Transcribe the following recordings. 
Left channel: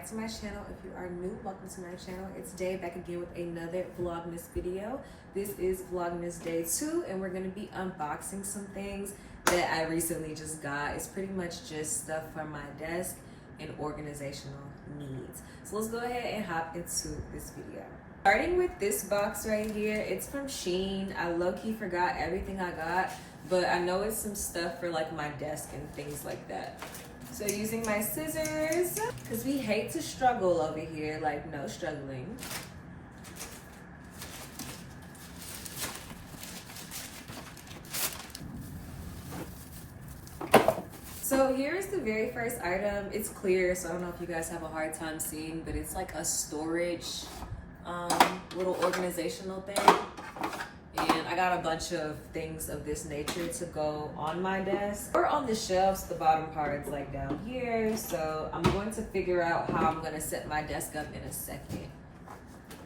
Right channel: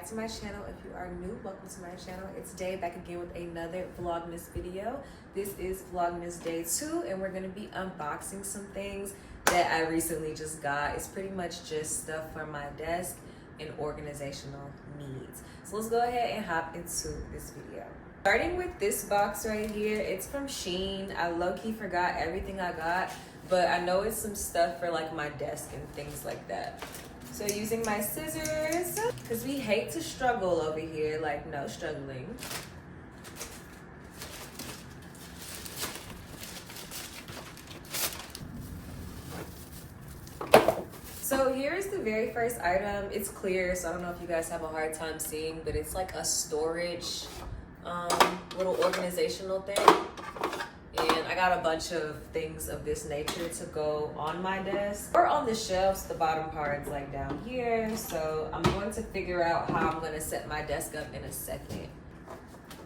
back to my channel. If you are new, welcome to my channel. It's Day back again with another Vlogmas video. This is Vlogmas Day 2 and we're going to be unboxing some things that I recently just got. It's pretty much just stuff for my desk and organizational needs. So let's go ahead and hop into this video. Starting with this box right here, it's from Shein. I low-key forgot everything I got, but I know it's some stuff for like my desk and things like that. So using my scissors, because we hate to struggle over here, like no struggling. So here's the very first item. It's clear, so I don't know if you guys have a hard time seeing, but it's like a storage little organizational thing. And I got a bunch of things of this nature to go on my desk or on the shelves. The bottom part is like down here. So I'm going to figure out how I'm going to set my desk up in a second.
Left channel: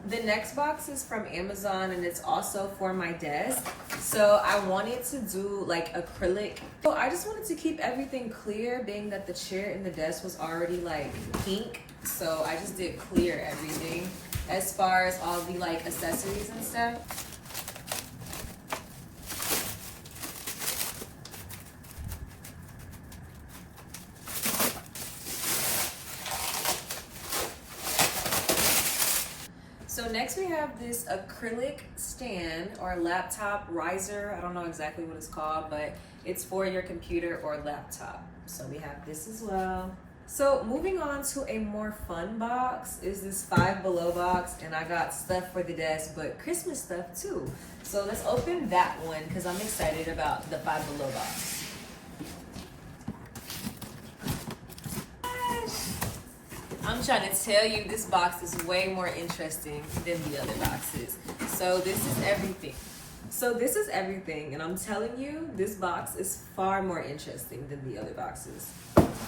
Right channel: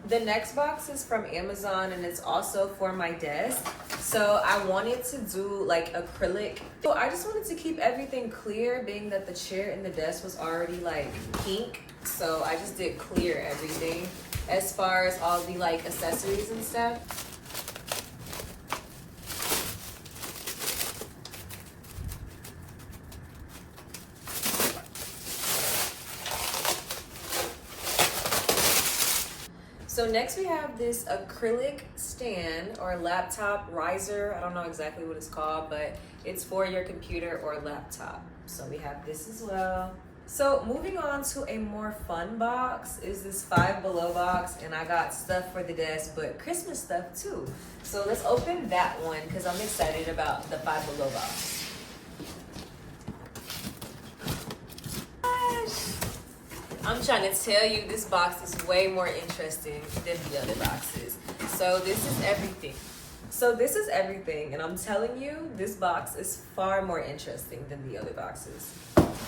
The next box is from Amazon and it's also for my desk. So I wanted to do like acrylic. So I just wanted to keep everything clear, being that the chair and the desk was already like pink. So I just did clear everything as far as all the like accessories and stuff. So next we have this acrylic stand or laptop riser. I don't know exactly what it's called, but it's for your computer or laptop. So we have this as well. So moving on to a more fun box is this Five Below box, and I got stuff for the desk, but Christmas stuff too. So let's open that one because I'm excited about the Five Below box. I'm trying to tell you, this box is way more interesting than the other boxes. So this is everything. And I'm telling you, this box is far more interesting than the other boxes.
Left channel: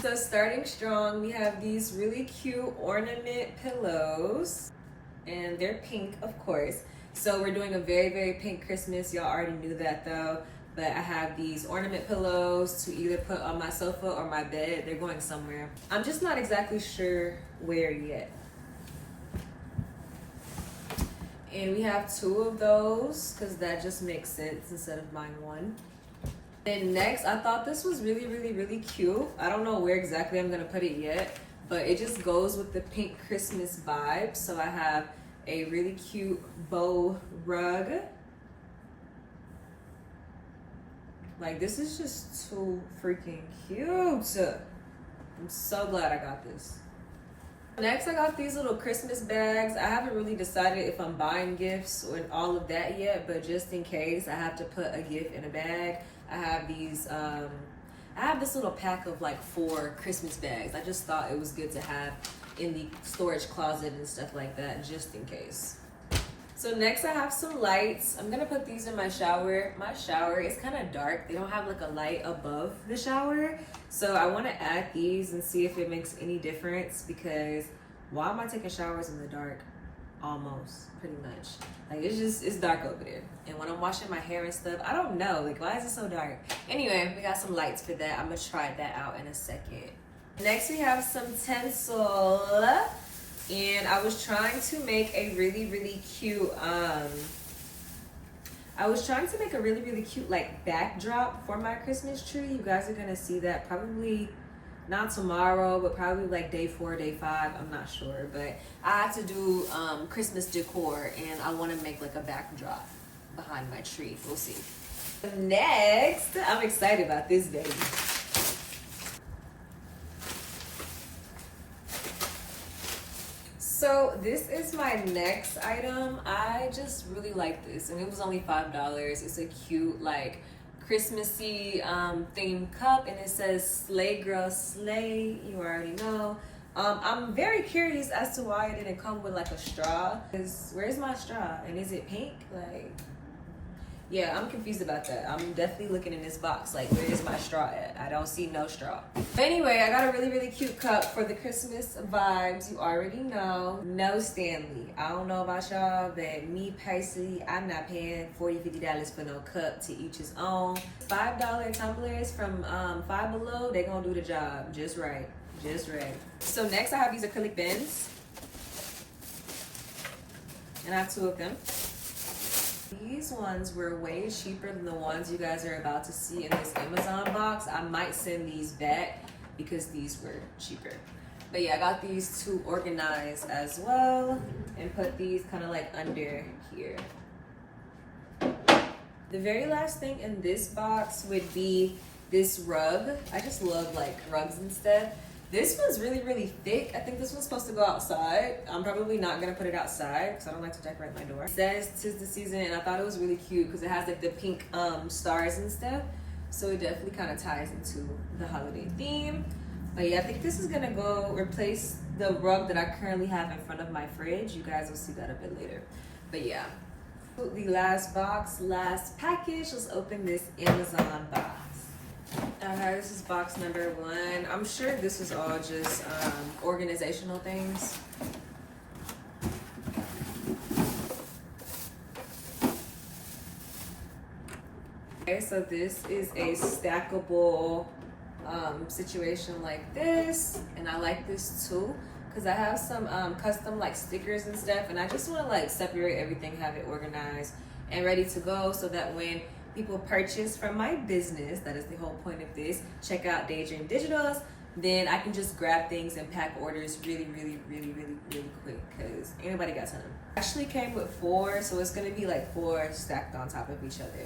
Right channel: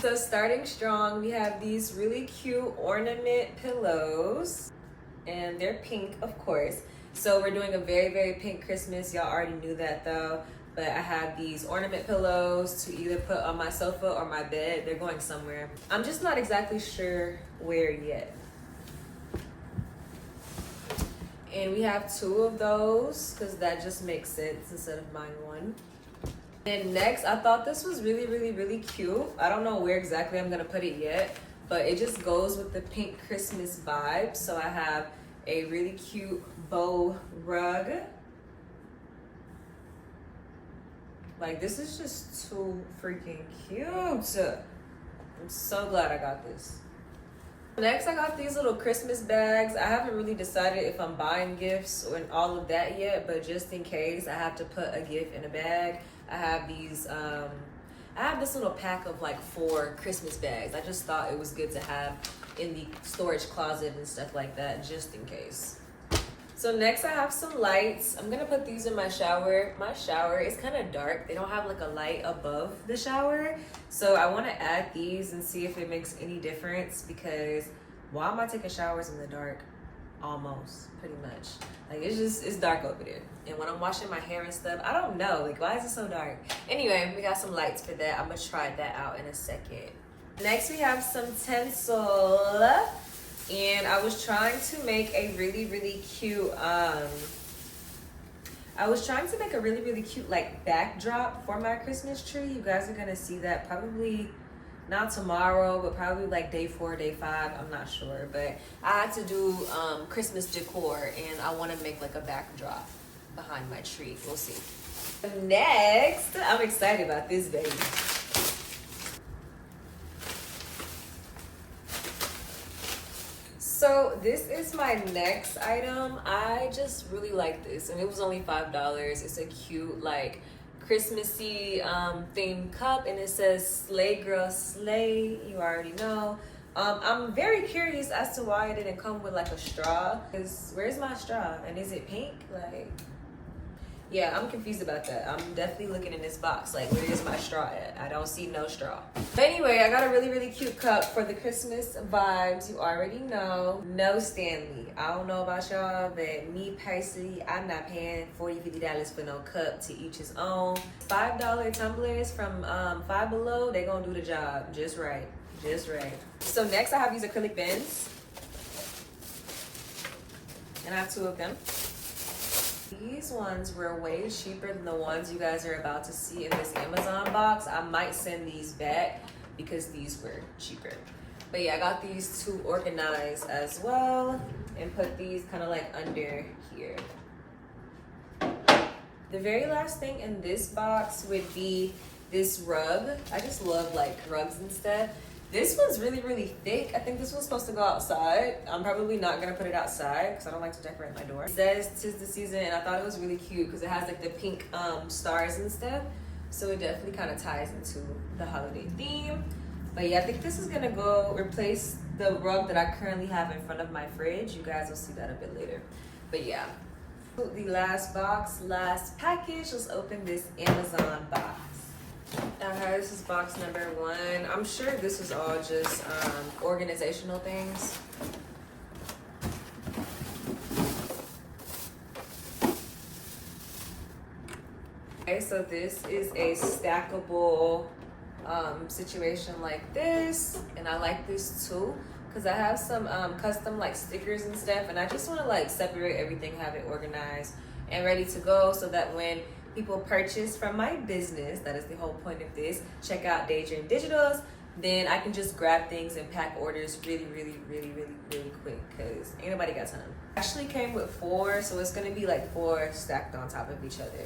So starting strong, we have these really cute ornament pillows. And they're pink, of course. So we're doing a very, very pink Christmas. Y'all already knew that though. But I have these ornament pillows to either put on my sofa or my bed. They're going somewhere. I'm just not exactly sure where yet. And we have two of those because that just makes sense instead of buying one. And next, I thought this was really, really, really cute. I don't know where exactly I'm gonna put it yet, but it just goes with the pink Christmas vibe. So I have a really cute bow rug. Like, this is just too freaking cute. I'm so glad I got this. Next, I got these little Christmas bags. I haven't really decided if I'm buying gifts and all of that yet, but just in case I have to put a gift in a bag, I have these, I have this little pack of like 4 Christmas bags. I just thought it was good to have in the storage closet and stuff like that, just in case. So next I have some lights. I'm gonna put these in my shower. My shower is kind of dark. They don't have like a light above the shower. So I wanna add these and see if it makes any difference, because why am I taking showers in the dark? Almost, pretty much. Like it's dark over there. And when I'm washing my hair and stuff, I don't know, like why is it so dark? Anyway, we got some lights for that. I'm gonna try that out in a second. Next we have some tinsel. And I was trying to make a really, really cute, like backdrop for my Christmas tree. You guys are gonna see that probably not tomorrow, but probably like day 4, day 5, I'm not sure. But I had to do Christmas decor and I wanna make like a backdrop behind my tree. We'll see. Next, I'm excited about this baby. So this is my next item. I just really like this, and it was only $5. It's a cute like Christmassy themed cup, and it says "Slay Girl Slay." You already know. I'm very curious as to why it didn't come with like a straw. Where's my straw? And is it pink? Like, yeah, I'm confused about that. I'm definitely looking in this box like, where is my straw at? I don't see no straw. But anyway, I got a really, really cute cup for the Christmas vibes. You already know. No Stanley. I don't know about y'all, but me personally, I'm not paying $40, $50 for no cup. To each his own. $5 tumblers from Five Below, they gonna do the job just right. Just right. So next I have these acrylic bins. And I have 2 of them. These ones were way cheaper than the ones you guys are about to see in this Amazon box. I might send these back because these were cheaper. But yeah, I got these to organize as well and put these kind of like under here. The very last thing in this box would be this rug. I just love like rugs and stuff. This one's really, really thick. I think this one's supposed to go outside. I'm probably not gonna put it outside because I don't like to decorate my door. It says 'tis the season, and I thought it was really cute because it has like the pink stars and stuff. So it definitely kind of ties into the holiday theme. But yeah, I think this is gonna go replace the rug that I currently have in front of my fridge. You guys will see that a bit later. But yeah, the last box, last package. Let's open this Amazon box. Alright, this is box number 1. I'm sure this is all just organizational things. Okay, so this is a stackable situation like this, and I like this too because I have some custom like stickers and stuff, and I just want to like separate everything, have it organized and ready to go, so that when people purchase from my business, that is the whole point of this, check out Daidreamdigitals, then I can just grab things and pack orders really quick because anybody got time. Actually came with 4, so it's gonna be like 4 stacked on top of each other.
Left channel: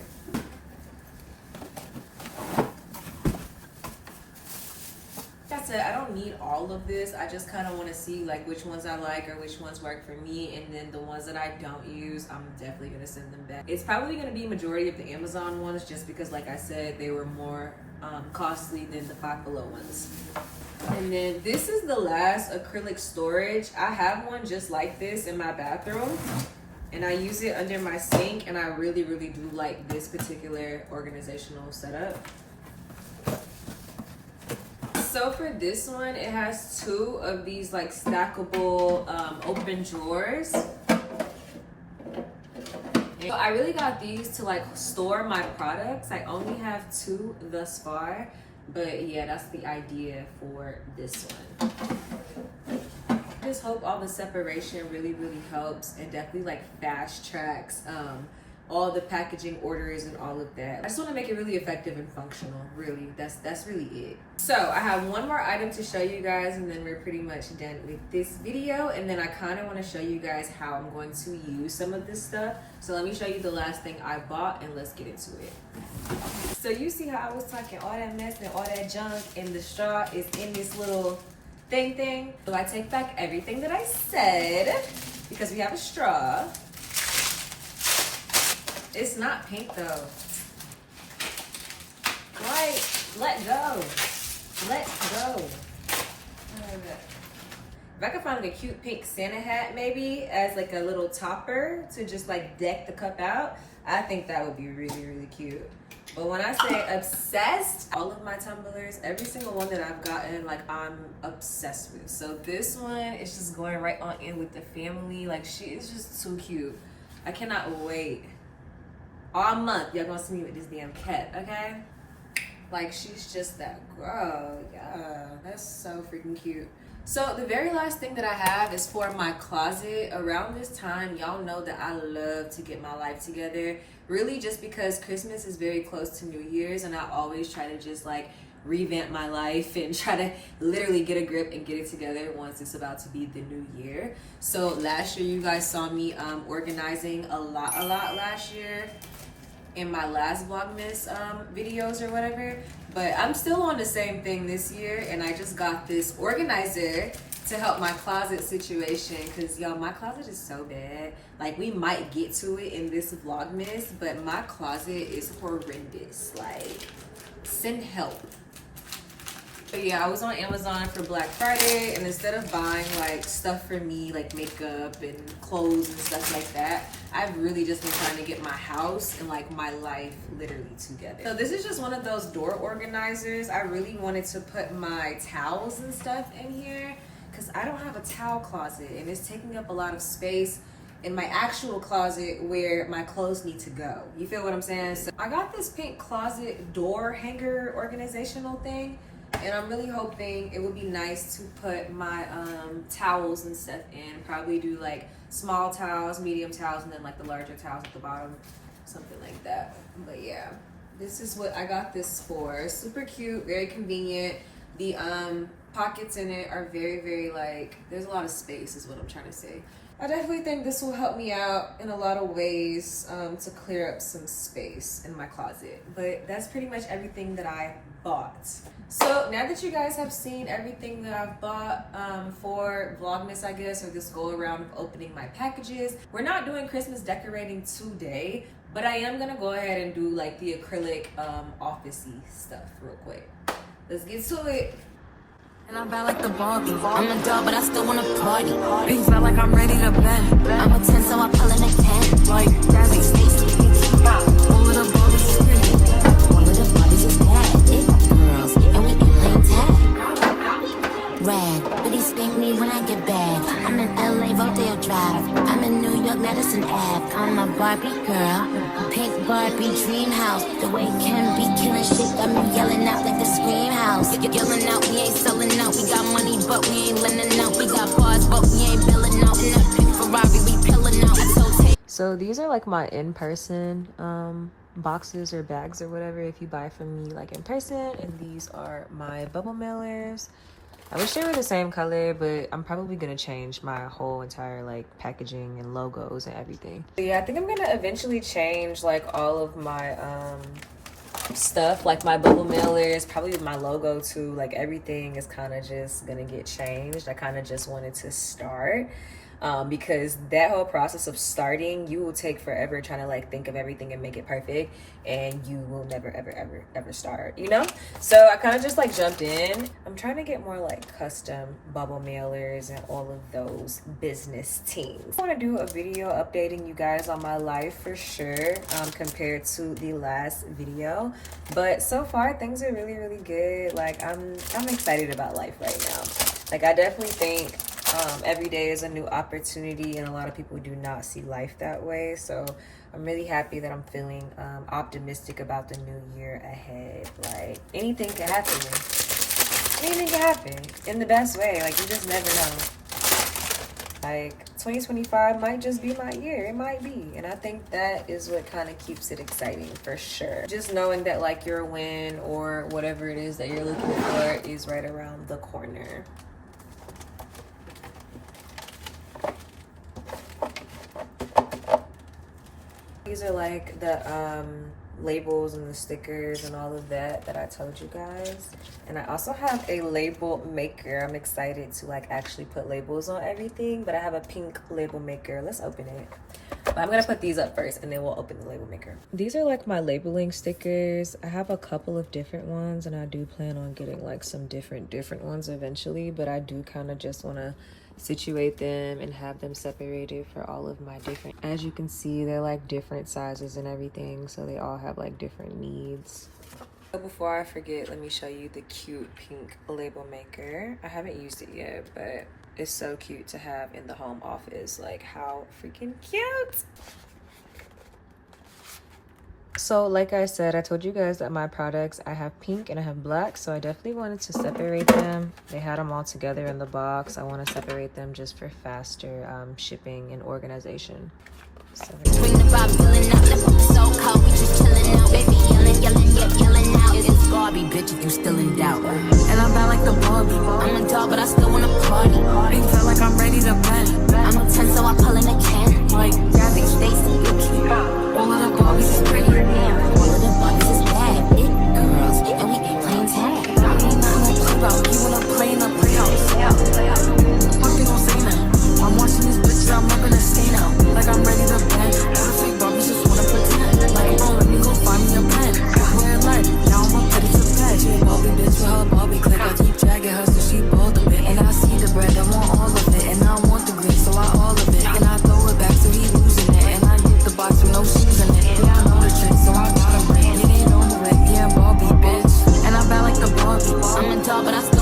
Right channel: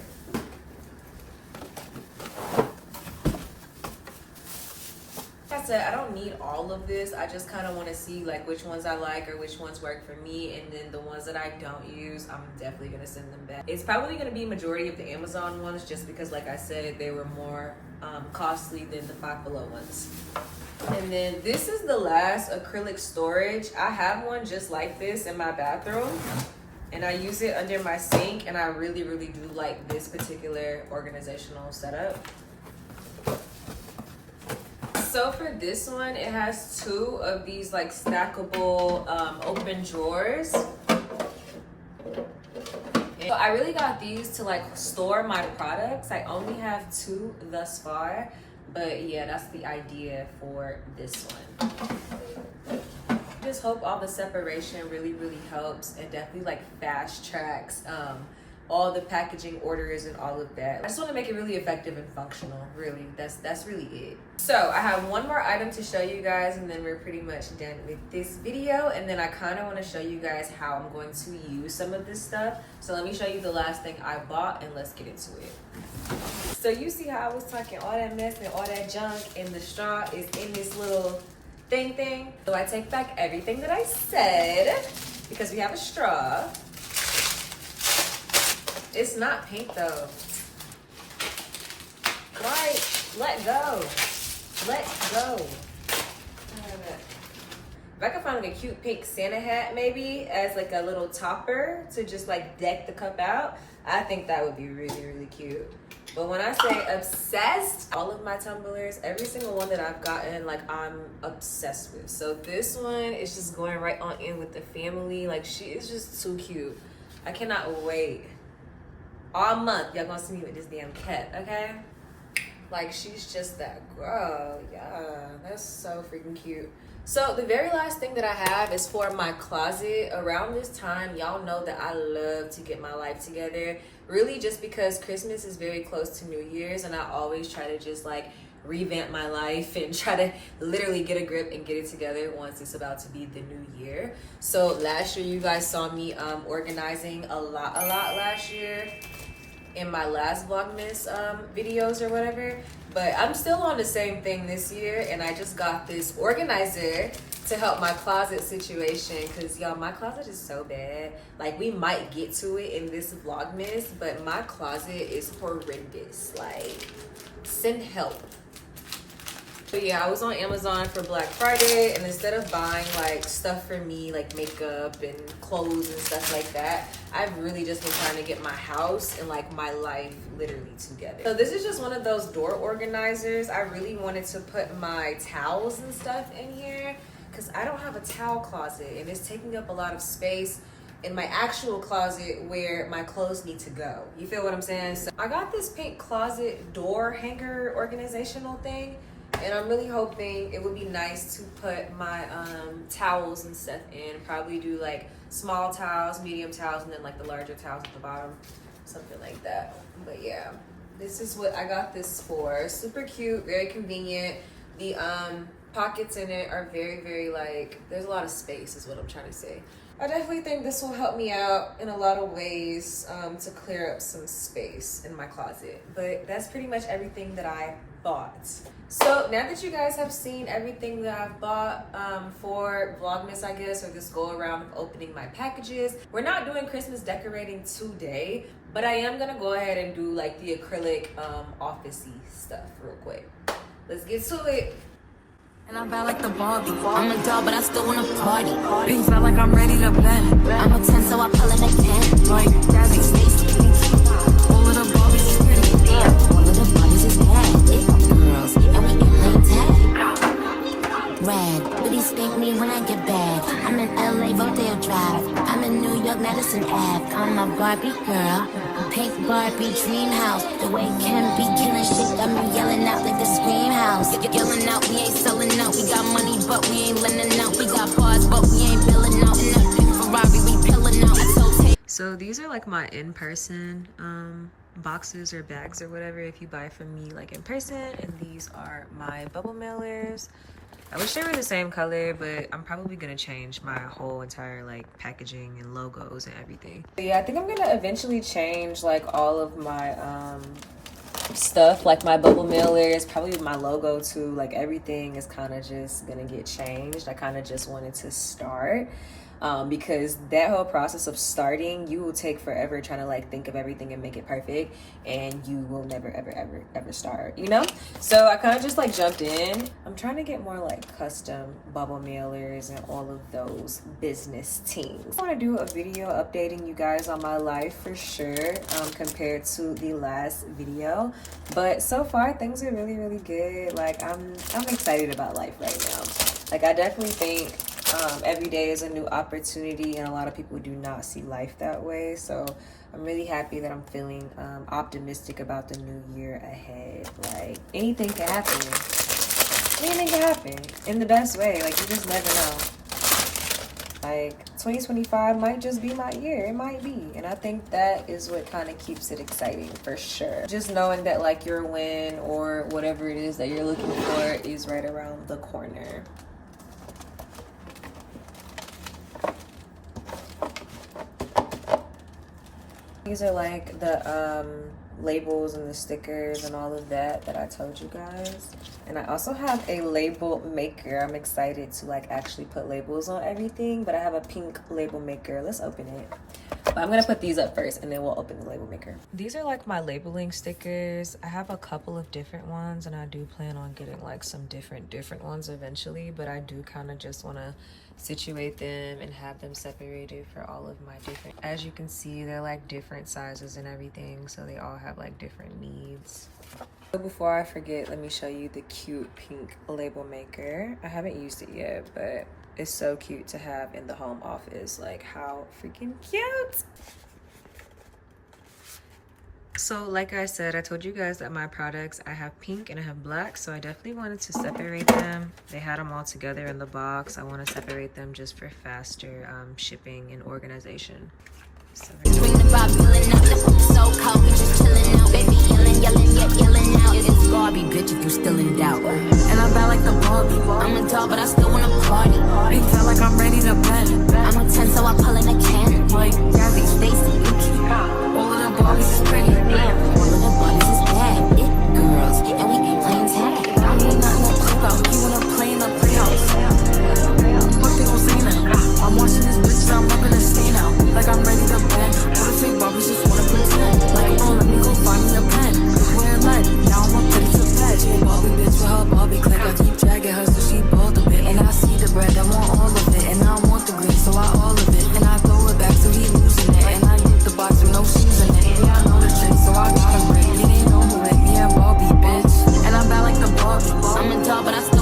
Like I said, I don't need all of this. I just kind of want to see like which ones I like or which ones work for me, and then the ones that I don't use, I'm definitely gonna send them back. It's probably gonna be a majority of the Amazon ones, just because like I said, they were more costly than the Five Below ones. And then this is the last acrylic storage. I have one just like this in my bathroom, and I use it under my sink, and I really do like this particular organizational setup. So for this one, it has 2 of these like stackable open drawers. So I really got these to like store my products. I only have 2 thus far, but yeah, that's the idea for this one. I just hope all the separation really helps and definitely like fast tracks all the packaging orders and all of that. I just want to make it really effective and functional. Really, that's really it. So I have one more item to show you guys, and then we're pretty much done with this video. And then I kind of want to show you guys how I'm going to use some of this stuff. So let me show you the last thing I bought, and let's get into it. So you see how I was talking all that mess and all that junk, and the straw is in this little thing. So I take back everything that I said because we have a straw. It's not pink though. Why? Let go. Let go. If I could find like a cute pink Santa hat maybe as like a little topper to just like deck the cup out, I think that would be really cute. But when I say obsessed, all of my tumblers, every single one that I've gotten, like I'm obsessed with. So this one is just going right on in with the family. Like she is just so cute. I cannot wait. All month, y'all gonna see me with this damn cat, okay? Like, she's just that girl. Yeah, that's so freaking cute. So the very last thing that I have is for my closet. Around this time, y'all know that I love to get my life together. Really just because Christmas is very close to New Year's, and I always try to just like revamp my life and try to literally get a grip and get it together once it's about to be the new year. So last year, you guys saw me organizing a lot last year in my last Vlogmas videos or whatever, but I'm still on the same thing this year, and I just got this organizer to help my closet situation, because y'all, my closet is so bad. Like, we might get to it in this Vlogmas, but my closet is horrendous. Like, send help. But yeah, I was on Amazon for Black Friday, and instead of buying like stuff for me, like makeup and clothes and stuff like that, I've really just been trying to get my house and like my life literally together. So this is just one of those door organizers. I really wanted to put my towels and stuff in here because I don't have a towel closet, and it's taking up a lot of space in my actual closet where my clothes need to go. You feel what I'm saying? So I got this pink closet door hanger organizational thing. And I'm really hoping it would be nice to put my towels and stuff in. Probably do like small towels, medium towels, and then like the larger towels at the bottom. Something like that. But yeah, this is what I got this for. Super cute, very convenient. The pockets in it are very like, there's a lot of space is what I'm trying to say. I definitely think this will help me out in a lot of ways to clear up some space in my closet. But that's pretty much everything that I bought. So now that you guys have seen everything that I've bought for Vlogmas, I guess, or this go around of opening my packages, we're not doing Christmas decorating today, but I am gonna go ahead and do like the acrylic office-y stuff real quick. Let's get to it. And I'm bad like the Barbie. I'm a doll, but I still wanna party. Pink felt like I'm ready to bend. I'm a 10, so I pull in a 10. Like Jazzy, Stacy, all of the Barbies is pretty. Damn, all of the Barbies is bad. It girls, and we ain't playing tag. Rad, but he spank me when I get bad. I'm in LA, Rodeo Drive. I'm in New York, Madison Ave. I'm a Barbie girl. Pink Barbie dream house. The way Ken be killing shit got me yelling out like the scream house. Yelling out, we ain't selling out. We got money, but we ain't lending out. We got bars, but we ain't billing out. In that pink Ferrari, we pillin' out. So these are like my in-person boxes or bags or whatever if you buy from me like in person, and these are my bubble mailers. I wish they were the same color, but I'm probably gonna change my whole entire like packaging and logos and everything. Yeah, I think I'm gonna eventually change like all of my stuff, like my bubble mailers, probably my logo too. Like everything is kind of just gonna get changed. I kind of just wanted to start because that whole process of starting, you will take forever trying to like think of everything and make it perfect, and you will never ever start, you know? So I kind of just like jumped in. I'm trying to get more like custom bubble mailers and all of those business teams. I want to do a video updating you guys on my life for sure, compared to the last video, but so far things are really good. Like I'm excited about life right now. Like I definitely think every day is a new opportunity, and a lot of people do not see life that way. So I'm really happy that I'm feeling optimistic about the new year ahead. Like anything can happen. Anything can happen in the best way. Like you just never know. Like 2025 might just be my year. It might be. And I think that is what kind of keeps it exciting for sure. Just knowing that like your win or whatever it is that you're looking for is right around the corner. These are like the labels and the stickers and all of that I told you guys. And I also have a label maker. I'm excited to like actually put labels on everything, but I have a pink label maker. Let's open it. But I'm gonna put these up first and then we'll open the label maker. These are like my labeling stickers. I have a couple of different ones, and I do plan on getting like some different ones eventually, but I do kind of just want to situate them and have them separated for all of my different, as you can see, they're like different sizes and everything, so they all have like different needs. So before I forget, let me show you the cute pink label maker. I haven't used it yet, but it's so cute to have in the home office. Like how freaking cute. So like I said, I told you guys that my products, I have pink and I have black, so I definitely wanted to separate them. They had them all together in the box. I want to separate them just for faster shipping and organization. So Barbie, bitch, if you still in doubt. And I'm bad like the Barbie. I'm a doll, but I still wanna party. Pink felt like I'm ready to bend. I'm a 10, so I pull in a 10. Like Jazzy, Stacy, all of the Barbies is pretty. Damn, all of the Barbies is bad. It girls, and we ain't playing tag. We ain't nothing to play about. You wanna play in the playhouse? What they gon' say now? I'm watching this bitch, I'm up in a stain now. Like I'm ready to bend. All the fake Barbies just wanna pretend. Like, oh, let me go find me a pen. Where light, now I'm up ready to bed. She a Barbie bitch with her Barbie click. I keep dragging her so she bald a bit. And I see the bread, I want all of it. And I want the green, so I all of it. And I throw it back so he losing it. And I get the box with no shoes in it. Yeah, I know the trick, so I got him ripped. It ain't over with, yeah, Barbie bitch. And I'm bad like the Barbie. I'm a doll, but I still